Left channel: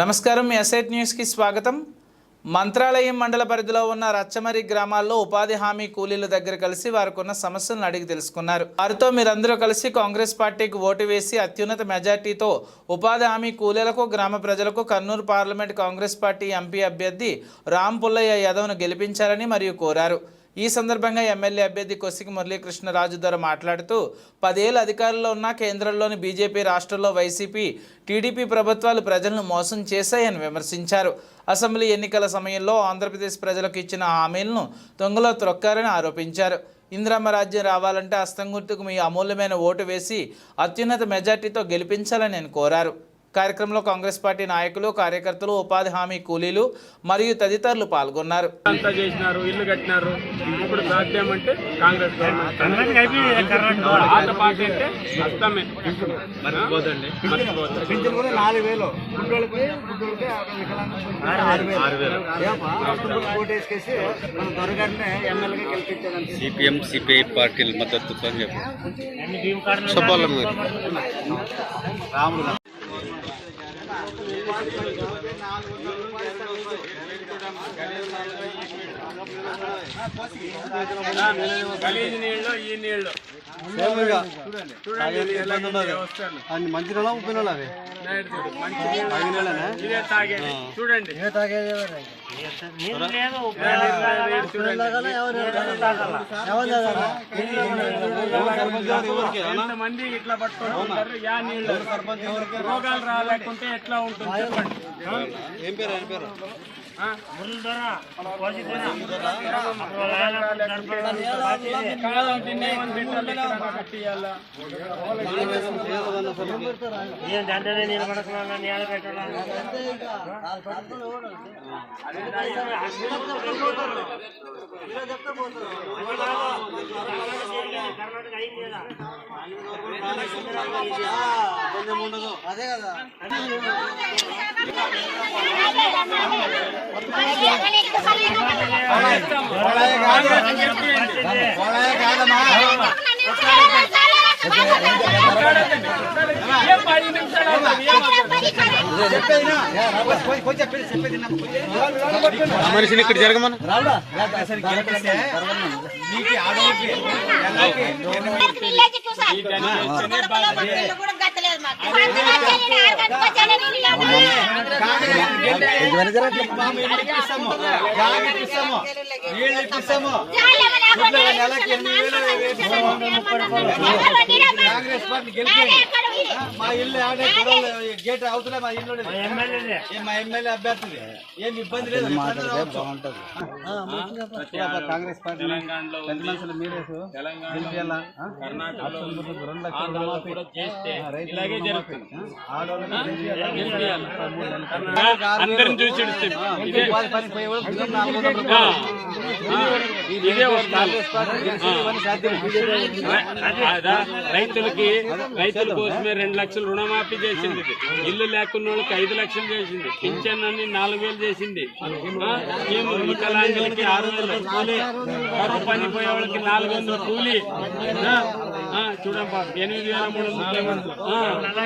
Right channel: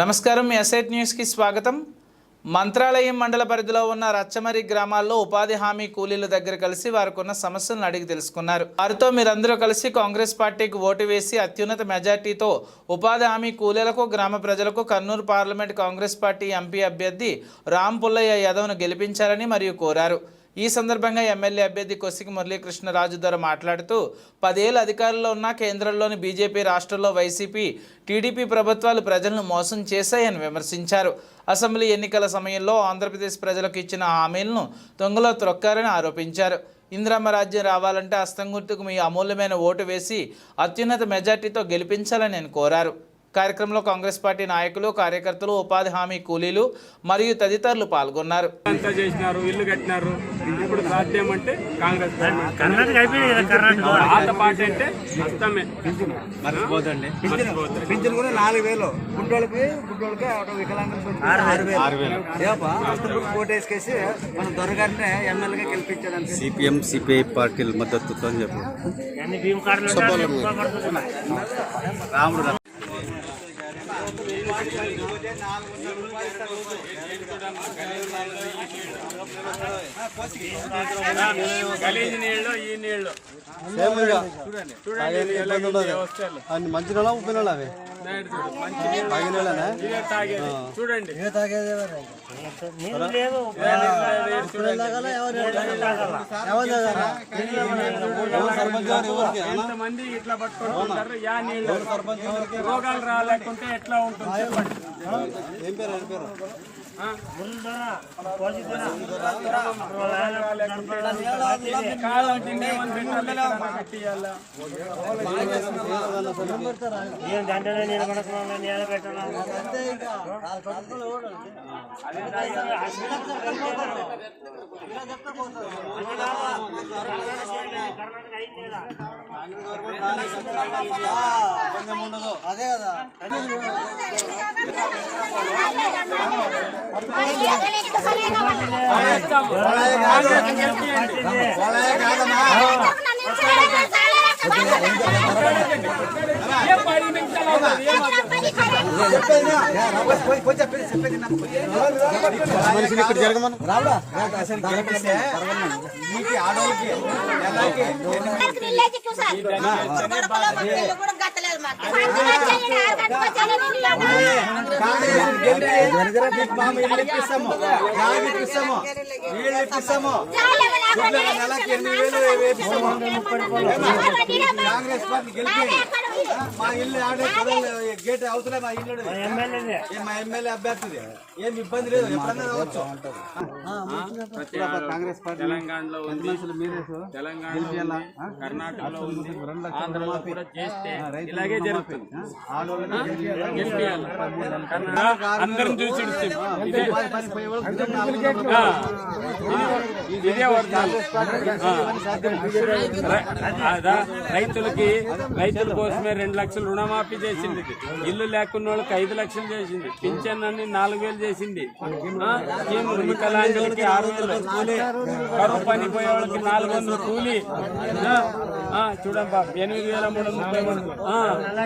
నమస్కారం ఎస్ఐట్ న్యూస్కి స్వాగతం. మంత్రాలయం మండల పరిధిలో ఉన్న రచ్చమరి గ్రామాల్లో ఉపాధి హామీ కూలీల దగ్గర కలిసి వారికి ఉన్న సమస్యలను అడిగి తెలుసుకున్నారు. వారితో మీరందరూ కలిసి కాంగ్రెస్ పార్టీకి ఓటు వేసి అత్యున్నత మెజార్టీతో ఉపాధి హామీ కూలీలకు గ్రామ ప్రజలకు Kurnool parliament Congress party MP అభ్యర్థి రామ్ పుల్లయ్య యాదవ్ను గెలిపించాలని మరియు కోరారు. ఈ సందర్భంగా ఎమ్మెల్యే అభ్యర్థి కొసికి మురళీకృష్ణరాజు ద్వారా మాట్లాడుతూ పదేళ్ళు అధికారంలో ఉన్న కేంద్రంలోని బీజేపీ రాష్ట్రంలో వైసీపీ టీడీపీ ప్రభుత్వాలు ప్రజలను మోసం చేశాయని విమర్శించారు. అసెంబ్లీ ఎన్నికల సమయంలో ఆంధ్రప్రదేశ్ ప్రజలకు ఇచ్చిన హామీలను దొంగలో త్రొక్కారని ఆరోపించారు. ఇందిరమ్మ రాజ్యం రావాలంటే అస్తం గుర్తుకు మీ అమూల్యమైన ఓటు వేసి అత్యున్నత మెజార్టీతో గెలిపించాలని నేను కోరారు. కార్యక్రమంలో కాంగ్రెస్ పార్టీ నాయకులు కార్యకర్తలు ఉపాధి హామీ కూలీలు మరియు తదితరులు పాల్గొన్నారు. అంతా చేసినారు ఇల్లు కట్టినారు. ఇప్పుడు సాధ్యం అంటే కాంగ్రెస్ గవర్నమెంట్. పాత పార్టీ అంటే నాలుగు వేలు. గుడ్డోళ్ళకి గుడ్డోళ్ళకి కోటేసుకేసి మన దొరగారిని ఎమ్మెల్యేగా సిపిఎం సిపిఐ పార్టీల మద్దతుతో అని చెప్పి. చెప్పాలి మరి రాముడు గలీజ్ నీళ్ళు ఈ నీళ్ళు. చూడండి. మంచి నెల ఉప్పు నెల అవి? చూడండి. ఎంతమంది ఇట్లా పట్టుకుంటారు? యా నీళ్ళు రోగాలు రాలేకుంటే ఎట్లా ఉంటుంది చెప్పండి? ఏం పేరు ఏం పేరు? ఆ? కాదంటే ఏమని పెట్టాలి ఇక్కడ కట్టియాలా? కొంచెం ఉండదు అదే కదా ఏం పది నిమిషాలు అవుతుంది? ఏం మనిషిని ఇక్కడ జరగమను నీకు ఆడవాళ్ళకి ఇల్లు ఇప్పిస్తాము జాగి ఇప్పిస్తాము నీళ్ళు ఇప్పిస్తాము నెలకి ఎనిమిది వేలు వేపిస్తాము కాంగ్రెస్ పార్టీ గెలిపి మా ఇల్లు ఆడే గొడవలు గేట్ అవుతులే మా ఇల్లు ఏ మా ఎమ్మెల్యే అభ్యర్థిది ఏం ఇబ్బంది లేదు. రావచ్చు. ప్రతి ఆడ- తెలంగాణలో ఉంది. తెలంగాణలో ఉంది. కర్ణాటకలో ఉంది. ఆంధ్రలో కూడా చేస్తే ఇలాగే జరుగుతుంది. గెలిపియాలి. కర్ణాటక అందరిని చూసి ఇదే వర్గాలు. రైతులకి రైతుల కోసమే రెండు లక్షలు రుణమాఫీ చేసింది. ఇల్లు లేకున్న వాళ్ళకి ఐదు లక్షలు చేసింది. పింఛన్ అన్ని నాలుగు వేలు చేసింది. వికలాంగులకి ఆరు వందల కూలి కరువు పని పోయే వాళ్ళకి నాలుగు వందల కూలి. ఆ, ఆ, చూడండి బాబు ఎనిమిది వేల మూడు వందల ముప్పై మూడు. ఆ,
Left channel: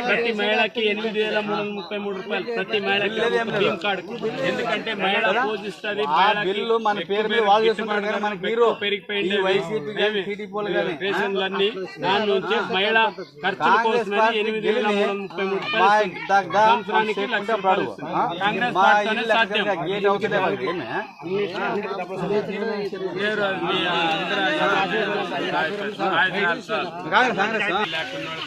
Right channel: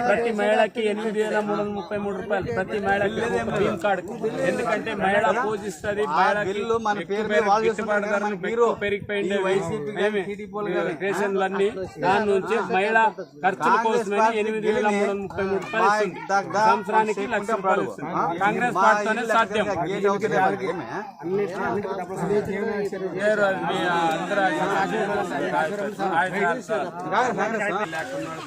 ప్రతి మహిళకి ఎనిమిది వేల మూడు వందల ముప్పై మూడు రూపాయలు ప్రతి మహిళకి భీమ్ కార్డు. ఎందుకంటే మహిళ పూజిస్తుంది మహిళకి ఎక్కువ పేరు గిట్టుబాటు ధరలు ఎక్కువ పెరిగిపోయింది రేషన్లన్నీ దాని నుంచి మహిళ ఖర్చుల కోసమని ఎనిమిది వేల మూడు వందల ముప్పై మూడు రూపాయలు ఇస్తుంది. సంవత్సరానికి లక్ష రూపాయలు ఇస్తుంది. కాంగ్రెస్ పార్టీతోనే సాధ్యం. లేరు అది మీ అందరూ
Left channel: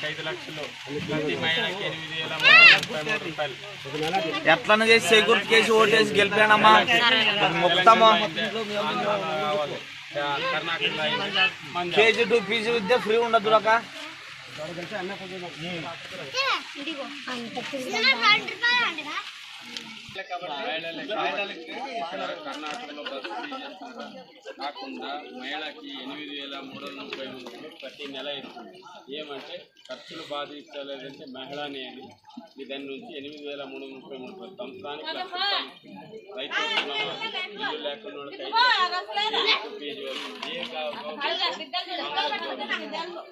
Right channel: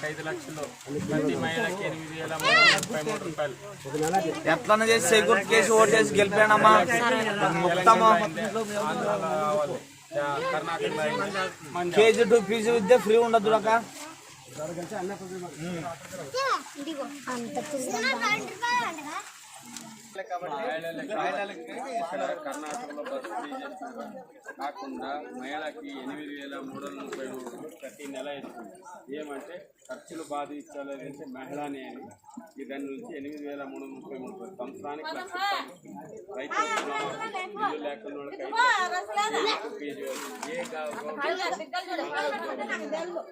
ఐదు లక్షలు ప్రతి మహిళకి ఎనిమిది వేల మూడు వందల ముప్పై మూడు రూపాయలు ఎట్లా చేసి చేకూర్చి చేసి ఓటేసి గెలిపానమ్మా ఆంధ్రాలో కర్ణాటకలో. కేజీ టూ పీజీ విద్య ఫ్రీ ఉండదు ఇక్కడ కర్ణాటకలో బస్సు ఫ్రీ చేస్తున్నారు కాకుండా మహిళకి ఎనిమిది వేల మూడు వందల ముప్పై మూడు ప్రతి నెల ఇస్తుంది ఏమంటే ఖర్చులు బాధ ఇచ్చలేదంటే మహిళనే అని దాని నుంచి ఎనిమిది వేల మూడు వందల ముప్పై మూడు రూపాయలు. సంవత్సరానికి. రైతు ఇల్లు లేకుండా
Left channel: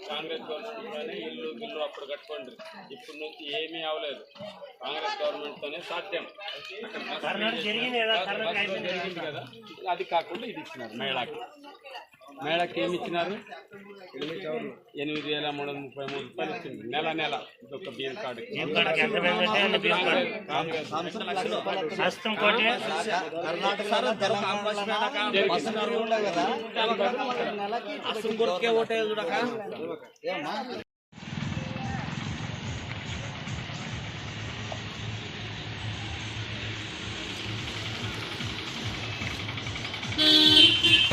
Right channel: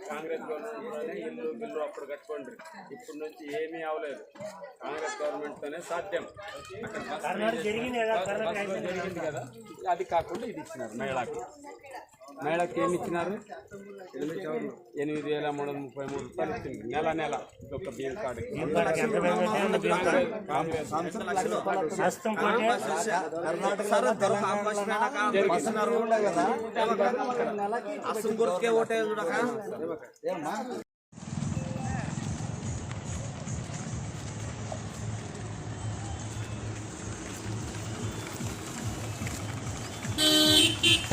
కాంగ్రెస్ గవర్నమెంట్లోనే ఇల్లు బిల్లు అప్పుడు కట్టుకోండి ఇప్పటి నుంచి ఏమీ అవ్వలేదు కాంగ్రెస్ గవర్నమెంట్ తోనే సాధ్యం. అక్కడ జరిగింది కదా. అది కాకుండా ఇది ఇచ్చినారు మేళాకి మేళాకి ఏమి ఇచ్చినారు? ఎనిమిది వేల మూడు వందల ముప్పై మూడు రూపాయలు ఇచ్చింది. నెల నెల ఒక బియ్యం కార్డు.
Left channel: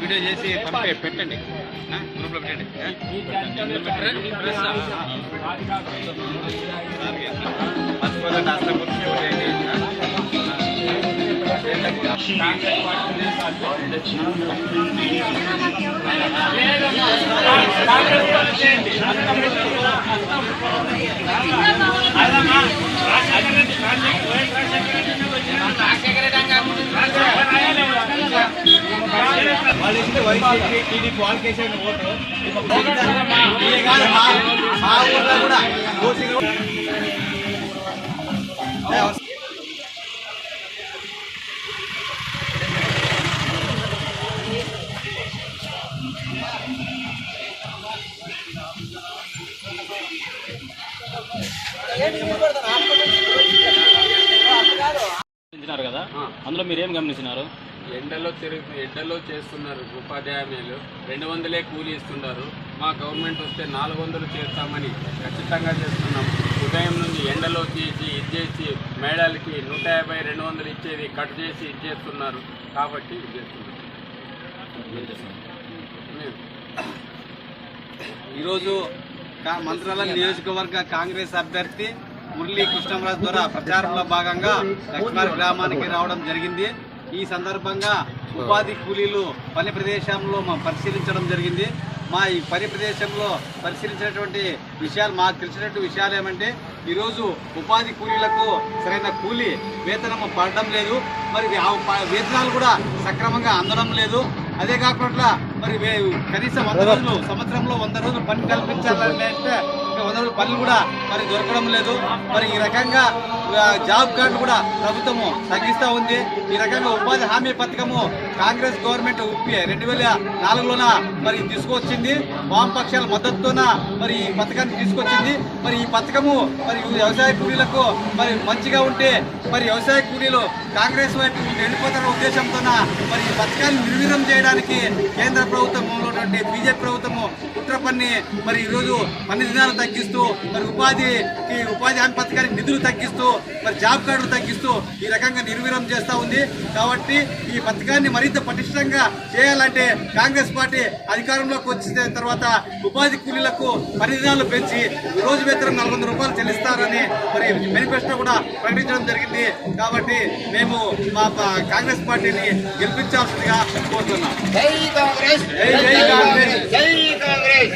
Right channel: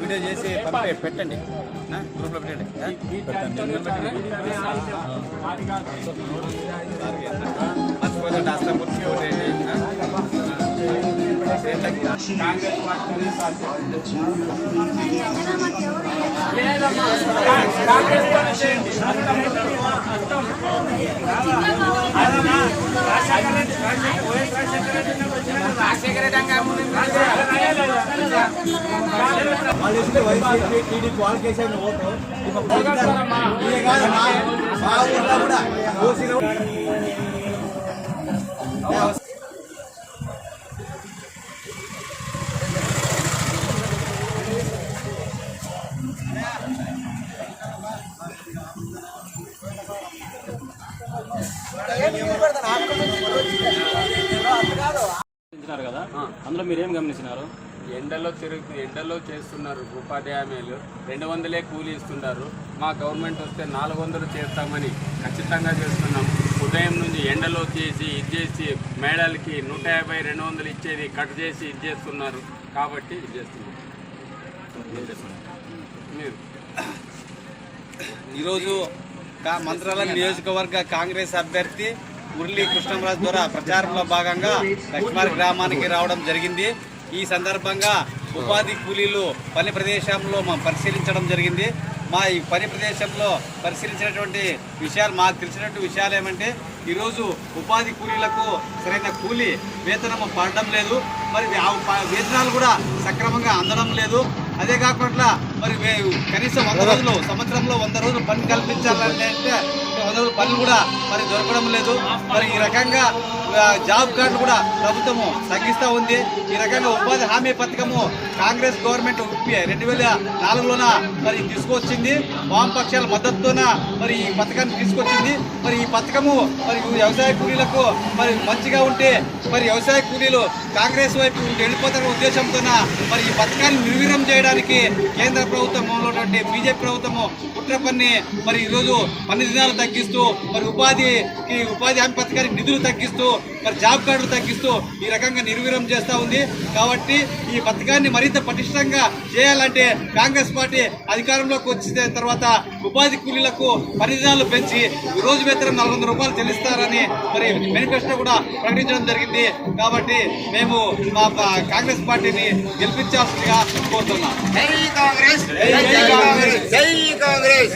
వీడియో చేసి పెట్టండి గ్రూప్లో పెట్టండి ఆ? ఈ జాతితోనే అది కాదు మర్చిపోదండి అసలు గుర్తు చూడండి. ఆ? కాంగ్రెస్ పార్టీనే సాధ్యం. లేదమ్మా. కాంగ్రెస్ తోనే చేయండి. అర్థం అవుతుందా? అర్థం. అదమ్మా. రాజశేఖర రెడ్డి- రాజశేఖర- వైఎస్ రాజశేఖర రెడ్డి ఉన్నప్పుడు వచ్చినప్పుడు రాజశేఖర రెడ్డి అంగా రాజశేఖర రెడ్డి లేదా? కాంగ్రెస్ వాళ్ళు ఇస్తే వైసీపీ టీడీపీ వాళ్ళకి వేసాను ఓటు ఇదే కాదమ్మా మా ఊర్లో కూడా మీరు ఏం గమనించినారు? ఎండలో తిరుగు ఎండలో చేస్తున్నారు ఉపాధి హామీలు రెండు వందలే కూలీ ఇస్తున్నారు మా గవర్నమెంట్ వస్తే నాలుగు వందలు చేస్తామని ఖచ్చితంగా చేస్తున్నాం. ఉదయం నుంచి ఎండలో చేసి ఇది చేసి మేడాలకి నూట యాభై రెండు వందలు ఇచ్చేది కట్ చేసి ఇది చేస్తున్నారు. కాబట్టి ఇది చేస్తున్నారు. ఈరోజు మంత్రాలయం నియోజకవర్గ కాంగ్రెస్ అభ్యర్థి మురళీ కృష్ణరాజు ద్వారా ప్రచారంలో భాగంగా లక్ష్మారి గ్రామానికి రావడం జరిగింది. ఈ సందర్భంగా ఉపాధి కూలీలు పని ప్రదేశంలో మనం పరిశీలించడం జరిగింది. మా ఈ పని ప్రదేశంలో పరిశీలించినటువంటి విషయాలు మాకు తెలిసినటువంటి విషయాలు ఏమంటే ఈరోజు ఉపాధి కూలీలకు సరైన కూలీ వేతనము పడడం లేదు. మరి ఆ వేతనాలు కూడా సక్రమంగా అందడం లేదు. అదే కాకుండా మరి కనీసం వంద రోజులు సంవత్సరంలో వంద రోజులు పని కల్పించాలంటే అంటే వంద రోజులు పనులు కూడా మరి దొరకడం లేదు. మరి ఈ రకంగా జాబ్ కార్డులు కూడా ప్రభుత్వము తగ్గిస్తూ ఉంది. ఈ రకంగా ఉపాధి హామీ పథకము కాంగ్రెస్ గవర్నమెంట్ రెండు వేల నాలుగులోన మరి తీసుకొచ్చింది. వామపక్షాల మద్దతుతోన మరి ఈ పథకాన్ని తీసుకొచ్చింది? మరి ఈ పథకము మరి వ్యవసాయ కూలీలకు మరి మంచిగా ఉంటే మరి వ్యవసాయ కూలీలు కాంగ్రెస్ వైపు వెళ్ళిపోతున్న ఉద్దేశంతోన మరి ఈ పథకాన్ని నిర్వీర్యం చేయడానికి కేంద్ర ప్రభుత్వం ఉన్నటువంటి బీజేపీ ప్రభుత్వము కుట్ర పన్ని మరి ఈరోజు పన్ను దినాలు తగ్గిస్తూ మరి ఉపాధికి ఉపాధి హామీ పథకానికి నిధులు తగ్గిస్తూ మరి జాబ్ కార్డులు తగ్గిస్తూ ఈ రకంగా నిర్వీర్యం చేస్తూ ఉంది. కాబట్టి ఈ పథకాన్ని మరింత పటిష్టంగా చేయాలంటే కాంగ్రెస్ పార్టీ అధికారంలోకి వచ్చిన తర్వాత ఉపాధి కూలీలకు దినాలు పెంచి రోజు వేతనం నాలుగు వందల రూపాయలు చెల్లిస్తారని మరి మేనిఫెస్టో కూడా ప్రకటించడం జరిగింది. కాబట్టి మేము మా కాంగ్రెస్ పార్టీని గెలిపించాల్సిందిగా కోరుతున్నాం. జై కాంగ్రెస్! జై కాంగ్రెస్! జై కాంగ్రెస్!